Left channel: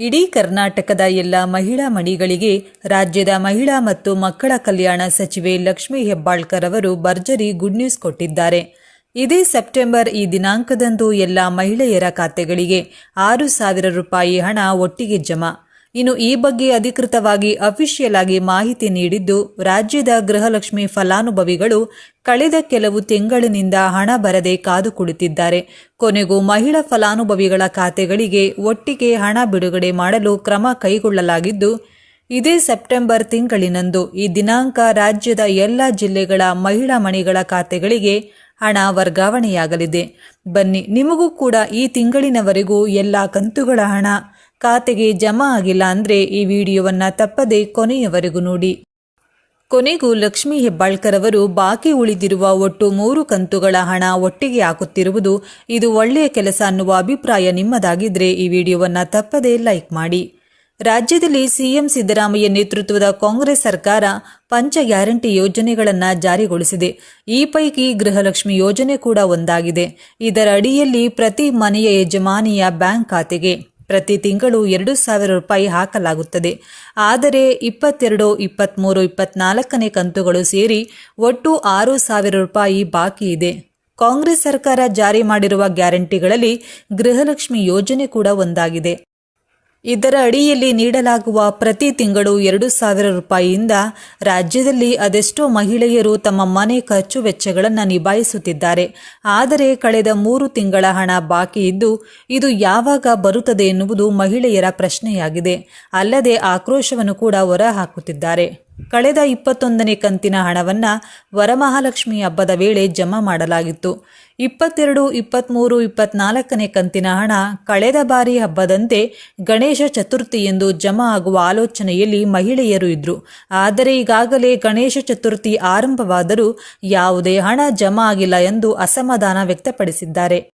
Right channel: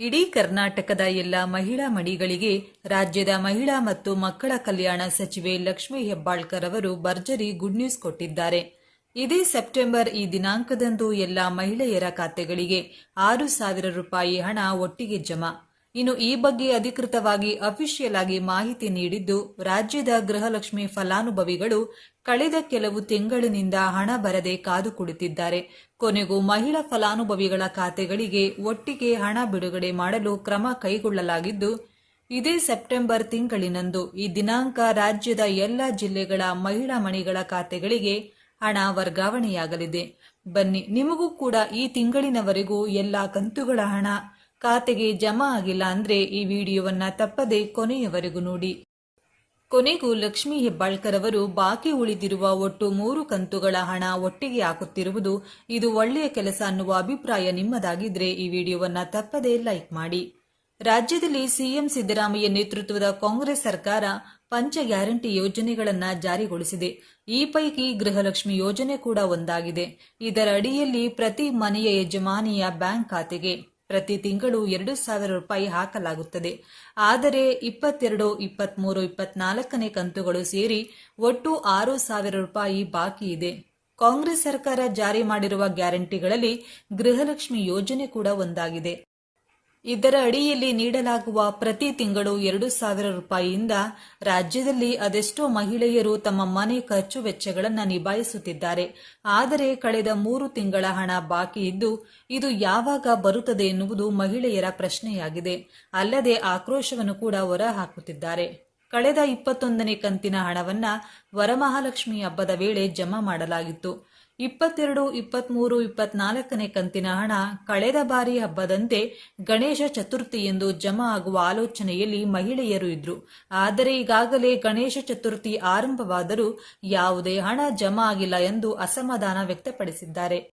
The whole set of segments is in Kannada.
ಇಡೀ ಕರ್ನಾಟಕದ ಎಲ್ಲ ಮಹಿಳಾ ಮಣಿಗಳಿಗೆ, ರಾಜ್ಯದ ಮಹಿಳಾ ಮತ್ತು ಮಕ್ಕಳ ಕಲ್ಯಾಣ ಸಚಿವೆ ಲಕ್ಷ್ಮೀ ಹೆಬ್ಬಾಳ್ಕರ್ ಅವರು ಭರ್ಜರಿ ಗುಡ್ ನ್ಯೂಸ್ ಕೊಟ್ಟಿದ್ದಾರೆ. ಇದೇ ಸೆಪ್ಟೆಂಬರ್ ಈ ದಿನಾಂಕದಂದು ಎಲ್ಲ ಮಹಿಳೆಯರ ಖಾತೆಗಳಿಗೆ ಆರು ಸಾವಿರ ರೂಪಾಯಿ ಹಣ ಒಟ್ಟಿಗೆ ಜಮಾ. ಇನ್ನು ಈ ಬಗ್ಗೆ ಅಧಿಕೃತವಾಗಿ ಅಫಿಷಿಯಲ್ ಆಗಿ ಮಾಹಿತಿ ನೀಡಿದ್ದು, ರಾಜ್ಯದ ಗೃಹಲಕ್ಷ್ಮಿ ಫಲಾನುಭವಿಗಳು ಕಳೆದ ಕೆಲವು ತಿಂಗಳಿನಿಂದ ಹಣ ಬರದೆ ಕಾದು ಕುಳಿತಿದ್ದಾರೆ. ಕೊನೆಗೂ ಮಹಿಳಾ ಫಲಾನುಭವಿಗಳ ಖಾತೆಗಳಿಗೆ ಒಟ್ಟಿಗೆ ಹಣ ಬಿಡುಗಡೆ ಮಾಡಲು ಕ್ರಮ ಕೈಗೊಳ್ಳಲಾಗಿದ್ದು, ಇದೇ ಸೆಪ್ಟೆಂಬರ್ ತಿಂಗಳಿನಂದು ಈ ದಿನಾಂಕ ರಾಜ್ಯದ ಎಲ್ಲ ಜಿಲ್ಲೆಗಳ ಮಹಿಳಾ ಮಣಿಗಳ ಖಾತೆಗಳಿಗೆ ಹಣ ವರ್ಗಾವಣೆಯಾಗಲಿದೆ. ಬನ್ನಿ, ನಿಮಗೂ ಕೂಡ ಈ ತಿಂಗಳಿನವರೆಗೂ ಎಲ್ಲ ಕಂತುಗಳ ಹಣ ಖಾತೆಗೆ ಜಮಾ ಆಗಿಲ್ಲ ಅಂದರೆ ಈ ವಿಡಿಯೋವನ್ನು ತಪ್ಪದೆ ಕೊನೆಯವರೆಗೂ ನೋಡಿ. ಕೊನೆಗೂ ಲಕ್ಷ್ಮೀ ಹೆಬ್ಬಾಳ್ಕರ್ ಅವರು ಬಾಕಿ ಉಳಿದಿರುವ ಒಟ್ಟು ಮೂರು ಕಂತುಗಳ ಹಣ ಒಟ್ಟಿಗೆ ಹಾಕುತ್ತಿರುವುದು ಇದು ಒಳ್ಳೆಯ ಕೆಲಸ ಅನ್ನುವ ಅಭಿಪ್ರಾಯ ನಿಮ್ಮದಾಗಿದ್ರೆ ಈ ವಿಡಿಯೋವನ್ನು ತಪ್ಪದೇ ಲೈಕ್ ಮಾಡಿ. ರಾಜ್ಯದಲ್ಲಿ ಸಿಎಂ ಸಿದ್ದರಾಮಯ್ಯ ನೇತೃತ್ವದ ಕಾಂಗ್ರೆಸ್ ಸರ್ಕಾರ ಪಂಚ ಗ್ಯಾರಂಟಿ ಯೋಜನೆಗಳನ್ನು ಜಾರಿಗೊಳಿಸಿದೆ. ಈ ಪೈಕಿ ಗೃಹಲಕ್ಷ್ಮಿ ಯೋಜನೆ ಕೂಡ ಒಂದಾಗಿದೆ. ಇದರ ಅಡಿಯಲ್ಲಿ ಪ್ರತಿ ಮನೆಯ ಯಜಮಾನಿಯ ಬ್ಯಾಂಕ್ ಖಾತೆಗೆ ಪ್ರತಿ ತಿಂಗಳು ಎರಡು ಸಾವಿರ ರೂಪಾಯಿ ಹಾಕಲಾಗುತ್ತದೆ. ಆದರೆ ಇಪ್ಪತ್ತೆರಡು ಇಪ್ಪತ್ತ್ಮೂರು ಇಪ್ಪತ್ನಾಲ್ಕನೇ ಕಂತುಗಳು ಸೇರಿ ಒಟ್ಟು ಆರು ಸಾವಿರ ರೂಪಾಯಿ ಬಾಕಿ ಇದೆ. ಕಾಂಗ್ರೆಸ್ ಸರ್ಕಾರ ಜಾರಿ ಮಾಡಿರುವ ಗ್ಯಾರಂಟಿಗಳಲ್ಲಿ ಗೃಹಲಕ್ಷ್ಮಿ ಯೋಜನೆ ಕೂಡ ಒಂದಾಗಿದೆ. ಇದರ ಅಡಿಯಲ್ಲಿ ನೀಡಲಾಗುವ ಪ್ರತಿ ತಿಂಗಳು ಎರಡು ಸಾವಿರ ರೂಪಾಯಿಯಿಂದ ರಾಜ್ಯದಲ್ಲಿ ಅದೆಷ್ಟೋ ಮಹಿಳೆಯರು ತಮ್ಮ ಮನೆ ಖರ್ಚು ವೆಚ್ಚಗಳನ್ನು ನಿಭಾಯಿಸುತ್ತಿದ್ದಾರೆ. ಆದರೆ ಕಳೆದ ಮೂರು ತಿಂಗಳ ಹಣ ಬಾಕಿ ಇದ್ದು, ಇದು ಯಾವಾಗ ಬರುತ್ತದೆ ಎನ್ನುವುದು ಮಹಿಳೆಯರ ಪ್ರಶ್ನೆಯಾಗಿದೆ. ಅಲ್ಲದೆ ಆಕ್ರೋಶವನ್ನು ಕೂಡ ಹೊರಹಾಕುತ್ತಿದ್ದಾರೆ. ಕಳೆದ ಇಪ್ಪತ್ತೊಂದನೇ ಕಂತಿನ ಹಣವನ್ನು ವರಮಹಾಲಕ್ಷ್ಮಿ ಹಬ್ಬದ ವೇಳೆ ಜಮಾ ಮಾಡಲಾಗಿತ್ತು. ಇಪ್ಪತ್ತೆರಡು ಇಪ್ಪತ್ತ್ಮೂರು ಇಪ್ಪತ್ನಾಲ್ಕನೇ ಕಂತಿನ ಹಣ ಕಳೆದ ಬಾರಿ ಹಬ್ಬದಂತೆ ಗಣೇಶ ಚತುರ್ಥಿ ಎಂದು ಜಮಾ ಆಗುವ ಆಲೋಚನೆಯಲ್ಲಿ ಮಹಿಳೆಯರು ಇದ್ದರು ಆದರೆ ಈಗಾಗಲೇ ಗಣೇಶ ಚತುರ್ಥಿ ಆರಂಭವಾದರೂ ಯಾವುದೇ ಹಣ ಜಮಾ ಆಗಿಲ್ಲ ಎಂದು ಅಸಮಾಧಾನ ವ್ಯಕ್ತಪಡಿಸಿದ್ದಾರೆ.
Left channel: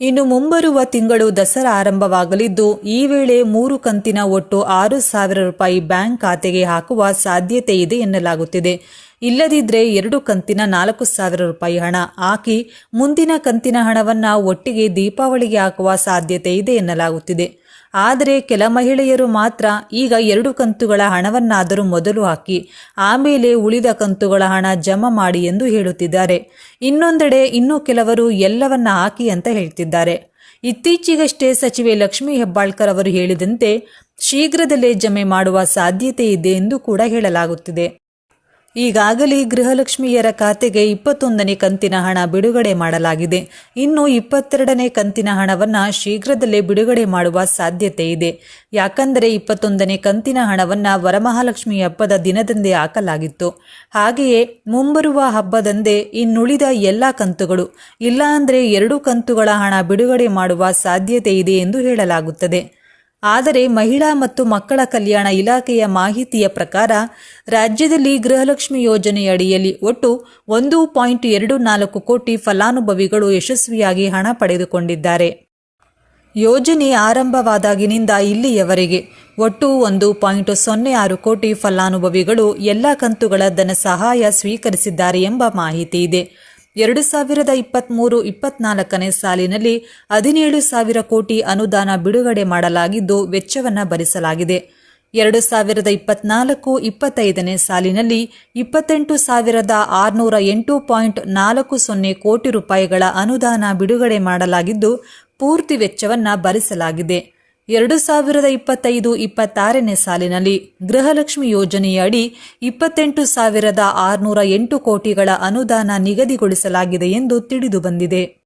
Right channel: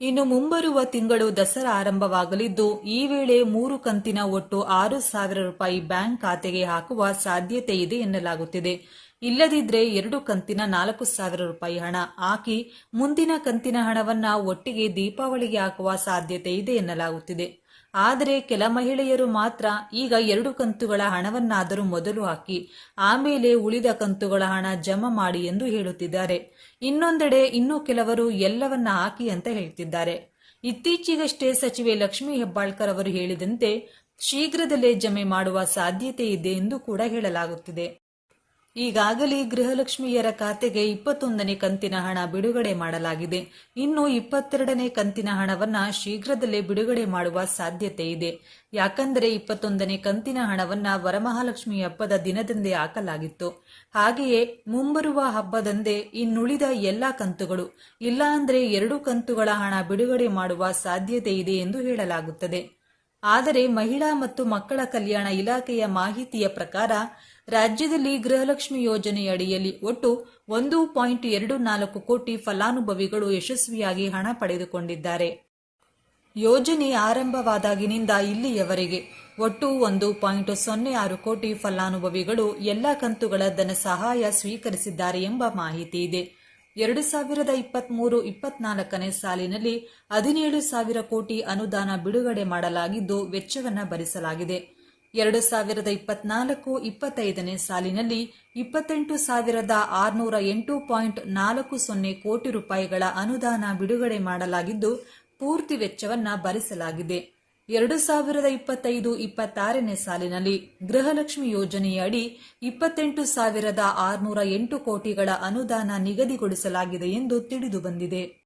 ಇನ್ನು ಮುಂಬರುವ ತಿಂಗಳು ದಸರಾ ಆರಂಭವಾಗಲಿದ್ದು, ಈ ವೇಳೆ ಮೂರು ಕಂತಿನ ಒಟ್ಟು ಆರು ಸಾವಿರ ರೂಪಾಯಿ ಬ್ಯಾಂಕ್ ಖಾತೆಗೆ ಹಾಕುವ ಸಾಧ್ಯತೆ ಇದೆ ಎನ್ನಲಾಗುತ್ತಿದೆ. ಇಲ್ಲದಿದ್ದರೆ ಎರಡು ಕಂತಿನ ನಾಲ್ಕು ಸಾವಿರ ರೂಪಾಯಿ ಹಣ ಹಾಕಿ ಮುಂದಿನ ಕಂತಿನ ಹಣವನ್ನು ಒಟ್ಟಿಗೆ ದೀಪಾವಳಿಗೆ ಹಾಕುವ ಸಾಧ್ಯತೆ ಇದೆ ಎನ್ನಲಾಗುತ್ತಿದೆ. ಆದರೆ ಕೆಲ ಮಹಿಳೆಯರು ಮಾತ್ರ ಈಗ ಎರಡು ಕಂತುಗಳ ಹಣವನ್ನಾದರೂ ಮೊದಲು ಹಾಕಿ ಆಮೇಲೆ ಉಳಿದ ಕಂತುಗಳ ಹಣ ಜಮಾ ಮಾಡಿ ಎಂದು ಹೇಳುತ್ತಿದ್ದಾರೆ. ಇನ್ನೊಂದೆಡೆ ಇನ್ನೂ ಕೆಲವರು ಎಲ್ಲವನ್ನ ಹಾಕಿ ಅಂತ ಹೇಳ್ತಿದ್ದಾರೆ. ಇತ್ತೀಚೆಗಷ್ಟೇ ಸಚಿವೆ ಲಕ್ಷ್ಮೀ ಹೆಬ್ಬಾಳ್ಕರ್ ಅವರು ಹೇಳಿದಂತೆ, ಶೀಘ್ರದಲ್ಲೇ ಜಮೆ ಮಾಡುವ ಸಾಧ್ಯತೆ ಇದೆ ಎಂದು ಕೂಡ ಹೇಳಲಾಗುತ್ತಿದೆ. ಈಗಾಗಲೇ ಗೃಹಲಕ್ಷ್ಮಿಯರ ಖಾತೆಗೆ ಇಪ್ಪತ್ತೊಂದನೇ ಕಂತಿನ ಹಣ ಬಿಡುಗಡೆ ಮಾಡಲಾಗಿದೆ. ಇನ್ನು ಇಪ್ಪತ್ತೆರಡನೇ ಕಂತಿನ ಹಣವನ್ನು ಶೀಘ್ರದಲ್ಲೇ ಬಿಡುಗಡೆ ಮಾಡುವ ಸಾಧ್ಯತೆ ಇದೆ. ಯಾಕಂದರೆ ಇಪ್ಪತ್ತೊಂದನೇ ಕಂತಿನ ಹಣವನ್ನು ವರಮಹಾಲಕ್ಷ್ಮಿ ಹಬ್ಬದ ದಿನದಂದೇ ಹಾಕಲಾಗಿತ್ತು. ಹಾಗೆಯೇ ಮುಂಬರುವ ಹಬ್ಬದಂದೇ ಇನ್ನುಳಿದ ಎಲ್ಲ ಕಂತುಗಳು, ಇಲ್ಲಾಂದರೆ ಎರಡು ಕಂತುಗಳ ಹಣ ಬಿಡುಗಡೆ ಮಾಡುವ ಸಾಧ್ಯತೆ ಇದೆ ಎಂದು ಹೇಳಲಾಗುತ್ತದೆ. ಆದರೆ ಮಹಿಳಾ ಮತ್ತು ಮಕ್ಕಳ ಕಲ್ಯಾಣ ಇಲಾಖೆಯ ಮಾಹಿತಿಯ ಪ್ರಕಾರ ರಾಜ್ಯದಲ್ಲಿ ಗೃಹಲಕ್ಷ್ಮಿ ಯೋಜನೆಯಡಿಯಲ್ಲಿ ಒಟ್ಟು ಒಂದು ಪಾಯಿಂಟ್ ಎರಡು ನಾಲ್ಕು ಕೋಟಿ ಫಲಾನುಭವಿಗಳು ಯಶಸ್ವಿಯಾಗಿ ಹಣ ಪಡೆದುಕೊಂಡಿದ್ದಾರೆ. ಯೋಜನೆ ಆರಂಭವಾದಾಗಿನಿಂದ ಇಲ್ಲಿಯವರೆಗೆ ಒಟ್ಟು ಒಂದು ಪಾಯಿಂಟ್ ಸೊನ್ನೆ ಆರು ಕೋಟಿ ಫಲಾನುಭವಿಗಳು ಎಲ್ಲ ಕಂತುಗಳ ಧನ ಸಹಾಯ ಸ್ವೀಕರಿಸಿದ್ದಾರೆ ಎಂಬ ಮಾಹಿತಿ ಇದೆ. ಎರಡು ಸಾವಿರದ ಇಪ್ಪತ್ತ್ಮೂರು ಇಪ್ಪತ್ನಾಲ್ಕನೇ ಸಾಲಿನಲ್ಲಿ ಹದಿನೇಳು ಸಾವಿರ ಕೋಟಿ ಅನುದಾನ ಬಿಡುಗಡೆ ಮಾಡಲಾಗಿದ್ದು ವೆಚ್ಚವನ್ನು ಭರಿಸಲಾಗಿದೆ. ಎರಡು ಸಾವಿರದ ಇಪ್ಪತ್ನಾಲ್ಕು ಇಪ್ಪತ್ತೈದನೇ ಸಾಲಿನಲ್ಲಿ ಇಪ್ಪತ್ತೆಂಟು ಸಾವಿರದ ಆರುನೂರ ಎಂಟು ಪಾಯಿಂಟ್ ನಾಲ್ಕು ಸೊನ್ನೆ ಕೋಟಿ ರೂಪಾಯಿಗಳ ಅನುದಾನ ಬಿಡುಗಡೆ ಮಾಡಲಾಗಿದ್ದು, ಪೂರ್ತಿ ವೆಚ್ಚವನ್ನು ಭರಿಸಲಾಗಿದೆ. ಎರಡು ಸಾವಿರದ ಇಪ್ಪತ್ತೈದು ಇಪ್ಪತ್ತಾರನೇ ಸಾಲಿನಲ್ಲಿ ಗೃಹಲಕ್ಷ್ಮಿ ಯೋಜನೆಯಡಿ ಇಪ್ಪತ್ತೆಂಟು ಸಾವಿರದ ಆರುನೂರ ಎಂಟು ಕೋಟಿಗಳ ಅನುದಾನ ನಿಗದಿಗೊಳಿಸಲಾಗಿದೆ ಎಂದು ತಿಳಿದು ಬಂದಿದೆ.